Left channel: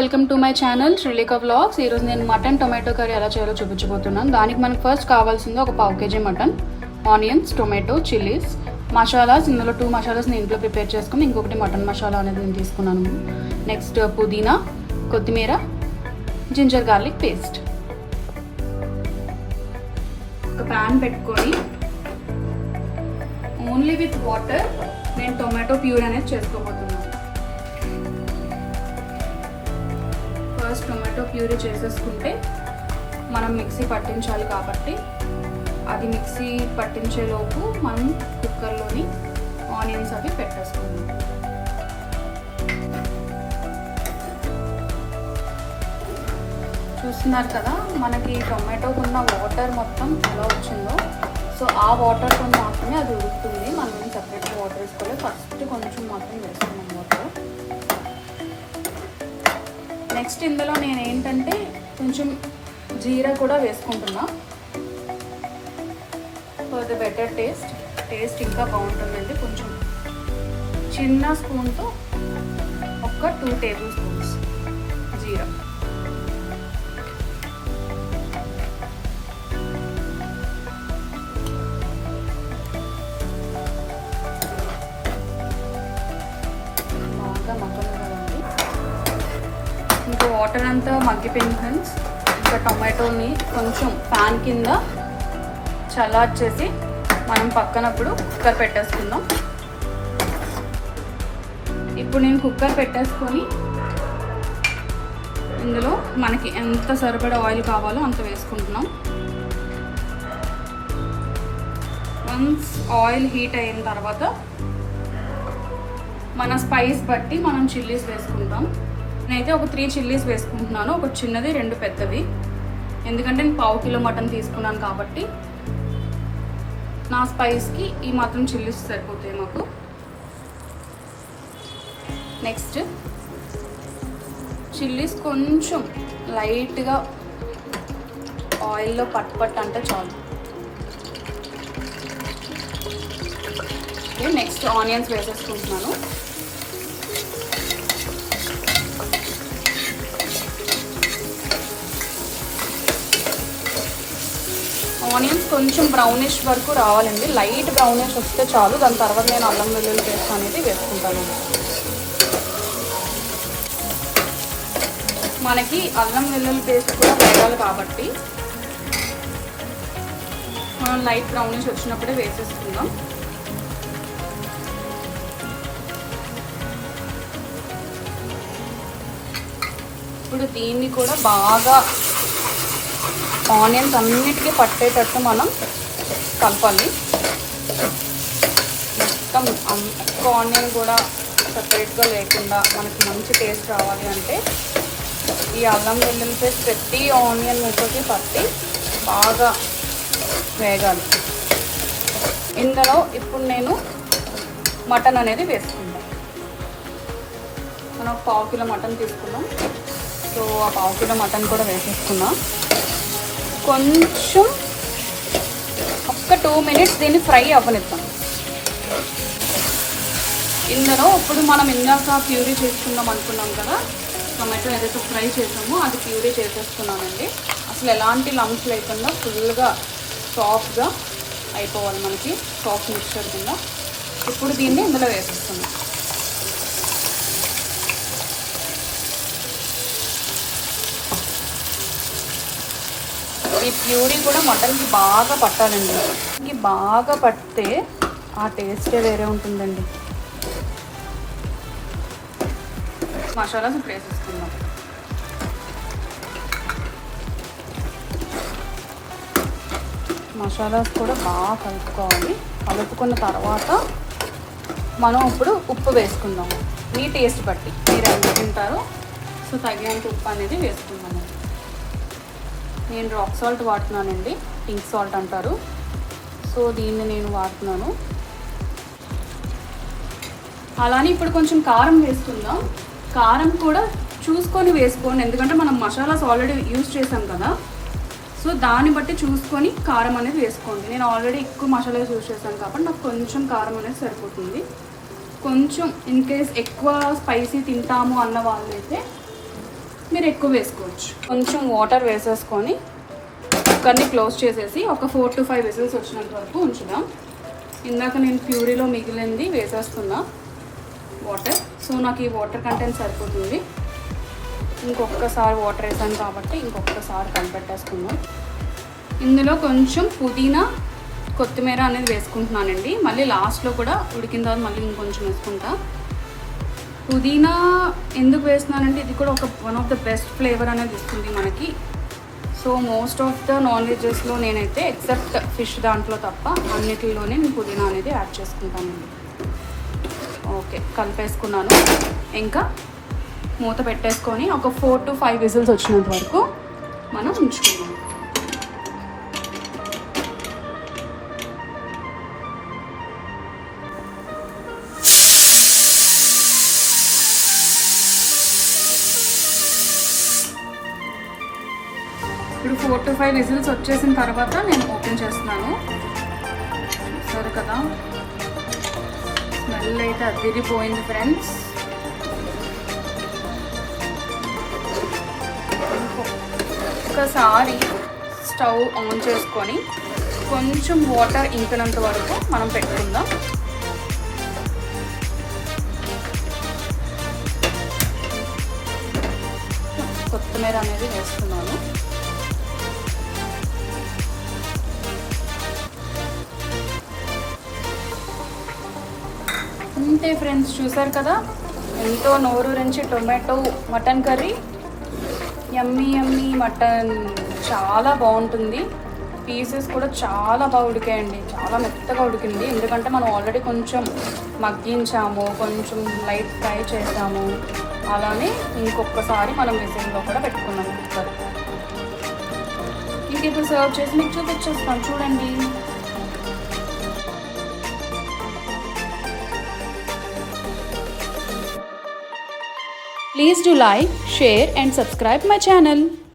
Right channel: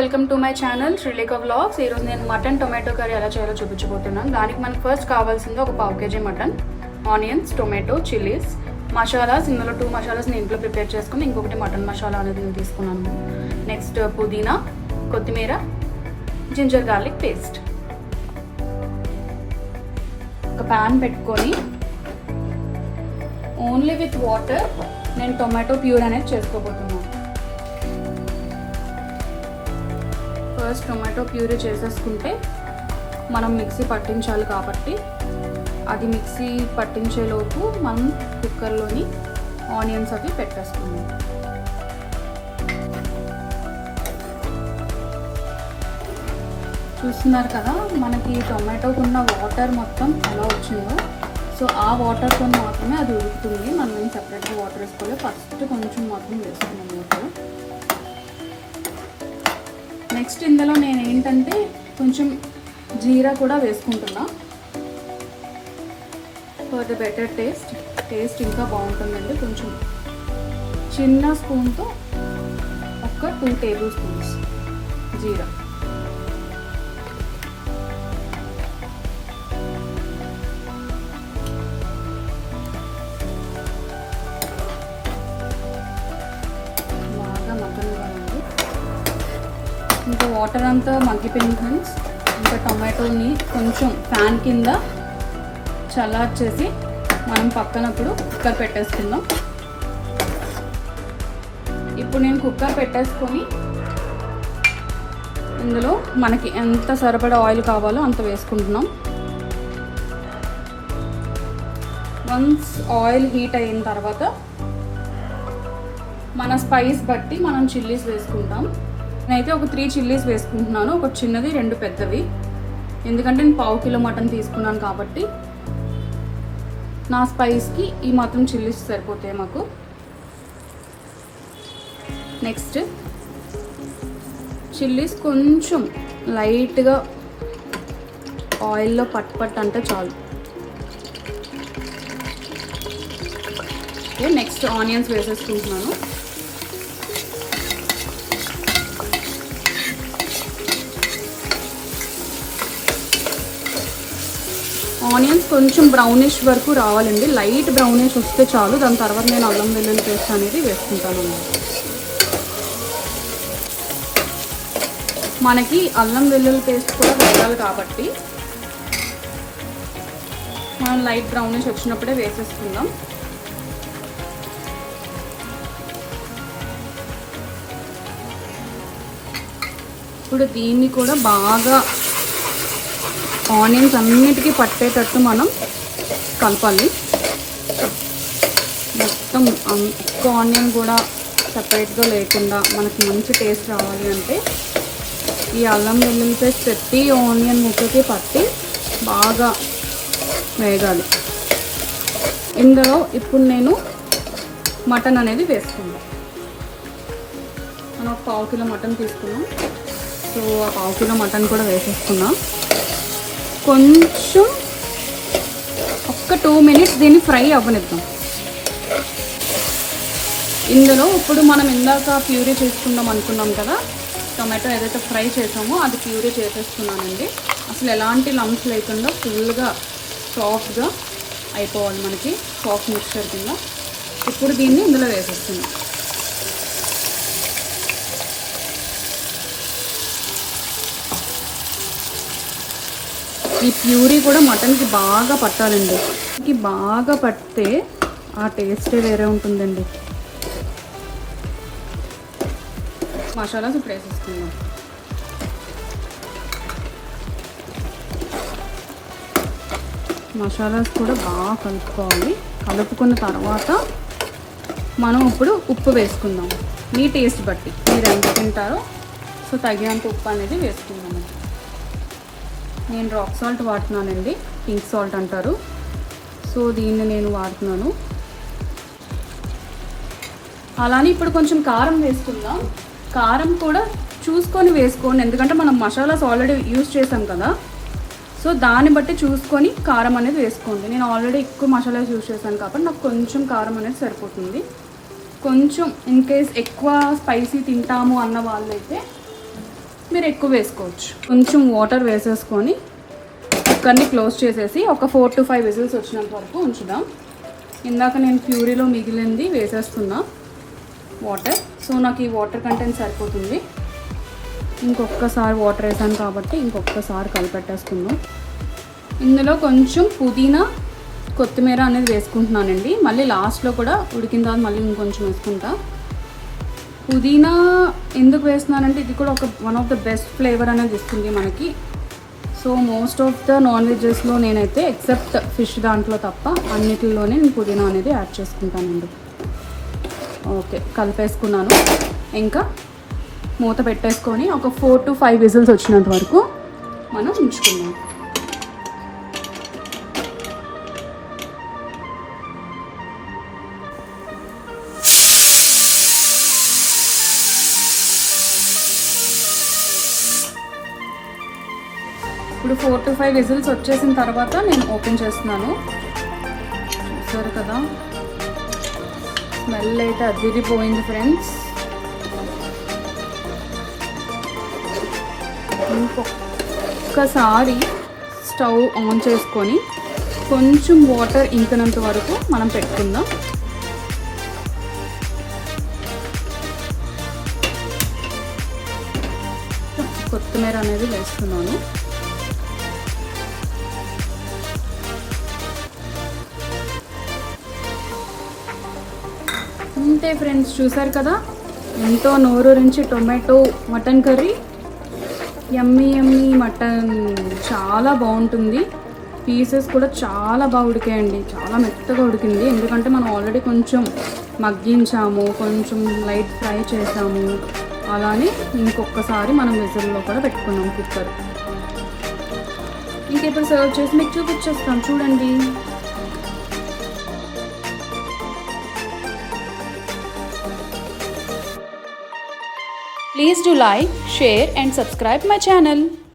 Welcome to my channel Sreelekha vlogs. ఈరోజు నేను mutton tomato curry ఎలా చేయాలో చూపించబోతున్నాను. దానికి మనకు ఫస్ట్ కావాల్సింది ఒక పావు KG mutton onions tomato chillies masalas. ఇందులో టూ మసాలాస్ నేను ఇంట్లో ప్రిపేర్ చేసుకుని ఇంకొకటి మటన్ మసాలా అనేది నేను తీసుకున్నాను. నెక్స్ట్ పుదీనా కొత్తిమీర జింజర్ గార్లిక్ పేస్ట్. ఒక ప్యాన్ పెట్టుకొని ఓన్లీ విత్ వాటర్ నేను టొమాటో ప్యూర్ అనేది చేసుకోబోతున్నాను. ఫస్ట్ టొమాటో ప్యూరీ చేసేసుకుంటే మనం మిక్సీ పట్టించాలి కాబట్టి. అది మిక్సీ పట్టించేలోపు మనం కుక్కర్లోని ఆనియన్స్ అవి పెట్టేసుకుందాం. చూస్తున్నారు కదా మనకి టొమాటోకు ఉన్న వాటర్ మొత్తం ఎలా వచ్చిందో. సో ఆ వాటర్తో మాత్రమే అది ఉడుకుతుంది. మనం సపరేట్గా వాటర్ వేసుకోవాలి ఫస్ట్ కొంచెం మాత్రం వేసుకోవాలి. నెక్స్ట్ ఇందులో నేను ఏంటంటే కొంచెం జీరా కూడా వేసుకుంటున్నా. For the better taste taste ఇంకా బాగుంటుందండి కొంచెం. చిన్న స్పూన్తో ఒక టూ టేబుల్ స్పూన్స్ అంతా మగ్గిపోయింది ఫ్రెండ్స్ ఇంకా టొమాటోని కొంచెం ప్యాన్ కింద చల్లార్చేసి మనం పక్కనప్పుడు కుక్కర్ పెట్టేసుకుందాం. ఇప్పుడు నేను కుక్కర్ పెట్టేసుకొని ఇందులో మనకి ఎంత సరిపడా ఆయిల్ కావాలో అంత వేసుకుంటున్నాం. వన్స్ ఆయిల్ హీట్ అయిన తర్వాత మన స్పైస్ బట్టి మనం చిల్లీస్ వేసుకుంటాం నేనైతే ఒక త్రీ చిల్లీస్ వేసుకుంటున్నాను. ఒక చిన్నది రెండు పెద్దవి. ఎందుకంటే నేను పావు కిలో మటన్ తీసుకున్నాను కాబట్టి నా స్పైస్కి ఈ మాత్రం చిల్లీస్ సరిపోతాయి మాకు. నెక్స్ట్ చిల్లీస్ కొంచెం లైట్గా ఆయిల్లో పట్ పట్ అంటే చాలు. నెక్స్ట్ ఆనియన్స్ వేసేసుకుంటున్నాను. ఆనియన్స్ కొంచెం బ్రౌనిష్ వరకు రావాలండి. లైట్ బ్రౌనిష్ వస్తే చాలు. దాని తర్వాత నేను అల్లం వెల్లుల్లి పేస్ట్ అనేది వేసుకుంటాను. మనకి అల్లం వెల్లుల్లి పేస్ట్ కూడా వేయాలి కాబట్టి మనం లైట్ బ్రౌనిష్ వచ్చినప్పుడే వేసేసుకుందాం. ఇప్పుడు దీన్ని కూడా బాగా ఆనియన్స్ అన్నిటికీ పట్టేటట్టు మనం కలపాలి. మొత్తం ఒక్క ఆనియన్ కూడా సపరేట్గా లేకుండా మనకి మంచి టేస్ట్ రావాలి అంటే ఈ అల్లం వెల్లుల్లి పేస్ట్ ప్రతి ఆనియన్ ముక్కకి పట్టి బాగా వేగాలి. ఇందులో ఇప్పుడు నేను మటన్ అనేది వేసుకున్నాను మనం ఒక పావు కిలో మటన్ తీసుకున్నాం. సో ఆ పావు కిలో మటన్ కూడా వేసేసుకున్నాం కొంచెం ఒక్క టూ మినిట్స్ దీన్ని ఫ్రై అవ్వనిద్దాం. ఇందులో ఇప్పుడు మనం ఇందాక ప్యూరీ చేసుకుందాం అనుకున్నాం కదా టొమాటో ఏదైతే ఫ్రై చేసామో అది ప్యూరీ చేసేస్తున్నానండి. అసలు ఎలాంటి లంప్స్ లేకుండా ఫుల్గా సాఫ్ట్గా అయిపోవాలి మనకి సాఫ్ట్ మిక్చర్ కింద. ఇప్పుడు దీన్ని ఇందులో వేసేస్తున్నాం. ఈ ప్యూరీ కూడా మటన్కి బాగా పట్టాలండి. మటన్కి బాగా పడితే ఆ టేస్టే వేరే ఉంటుందండి. మసాలాస్ ఇప్పుడు వేసేసుకుందాం మసాలాస్ కూడా బాగా కలుపుకోవాలి. కలుపుకున్న తర్వాత మనం ఇప్పుడు ఉప్పు వేసుకుందాం. మీ టేస్ట్ బట్టి. మీరు ఎంత తింటారో సో తగినంత ఉప్పు అనేది వేసుకుందాం. నేను రాక్ సాల్ట్ వాడుతున్నానండి పింక్ సాల్ట్ అంటారు. సో దీన్ని నేను వాడుతున్నాను. అలానే ఇప్పుడు కొంచెం కారం వేసుకుందాం. కారం కూడా చూసుకొని వేసుకోండి ఎందుకంటే మనం మసాలాస్ ఆల్రెడీ యూజ్ చేసాం కదా. సో దాన్ని బట్టి చూసుకొని కారం అనేది వేసుకోండి. నేను ఆల్రెడీ ఎక్కువ మసాలాస్ యూజ్ చేశాను కాబట్టి నాకు కొంచెం కారం అనేది సరిపోతుంది. కొంచెం ఇన్ కేస్ ఎక్కువ స్పైసీ తింటాము అన్న వాళ్ళైతే మీరు ఎక్కువ వేసుకోవచ్చు. కొంచెం వాటర్ వేసేసుకొని కుక్కర్ని క్లోజ్ చేసేసి ఒక ఫోర్ టు ఫైవ్ విజిల్స్ వచ్చినంత వరకు ఉంచుదాం. ఇందాక నేను ప్యూరీలో మిగిలింది వేసేస్తున్నా వాటర్ సో నాకు ఈ వాటర్ కంటెంట్ సరిపోతుంది. ఇంకొకసారి వాటర్ వేసాను కాబట్టి ఇంకొకసారి కలిపెట్టేసుకుందాం. ఇందులో కొంచెం పుదీనా కొత్తిమీర అనేది వేసుకుంటున్నానండి. మళ్ళీ లాస్ట్లో కూడా ఉడికిన తర్వాత మళ్ళీ ఇంకొంచెం వేసుకుంటాను పుదీనా ఎందుకు వేస్తున్నానంటే ఇది కూడా ఒక one of the best flavour అనేది ఇస్తుంది మనకి. So most of the non వెజెస్లో నేనైతే ఎక్సెప్ట్ ఫిష్ దాంట్లో తప్ప అన్నిటిలోనే నేను పుదీనా అనేది యాడ్ చేసుకుంటానండి. ఓకే కలిపేసుకున్నాను. ఇంకా మూత పెట్టేసుకొని ఒక ఫోర్ టు ఫైవ్ విజిల్స్ వచ్చినంత వరకు మనం ఉంచుకున్నాం ఇప్పుడు ఫోర్ టు ఫైవ్ విజిల్స్ వచ్చేసిన తర్వాత నేను ఓపెన్ చేస్తున్నాను. చూసారు కదా? స్మెల్ అయితే అదిరిపోయింది ఫ్రెండ్స్ ఒకసారి స్టవ్ ఆన్ చేసుకొని కొంచెం వాటర్ ఇంకనంత వరకు మనం పెట్టుకుందాం. అంతే ఫ్రెండ్స్ చూసారు కదా? ఎంతో నోరూరించి tomato mutton curry. Yummy yummy mutton. చాలా బాగుంటుంది. పీసెస్ కూడా చాలా బాగా ఉడికాయండి. చాలా మెత్తగా ఉడికింది. ఎందుకంటే మనం ఆల్రెడీ కొంచెం మగ్గించాము కొంచెం లైట్ ఫ్రై చేసాము. అలానే ఇంకొకసారి మనం విజిల్లో కూడా పెట్టుకున్నాము కుక్కర్ ఇంక ఇప్పుడు సర్వ్ చేసి మీకు చూపించేస్తాం చూడండి. Please do like, share and subscribe my channel.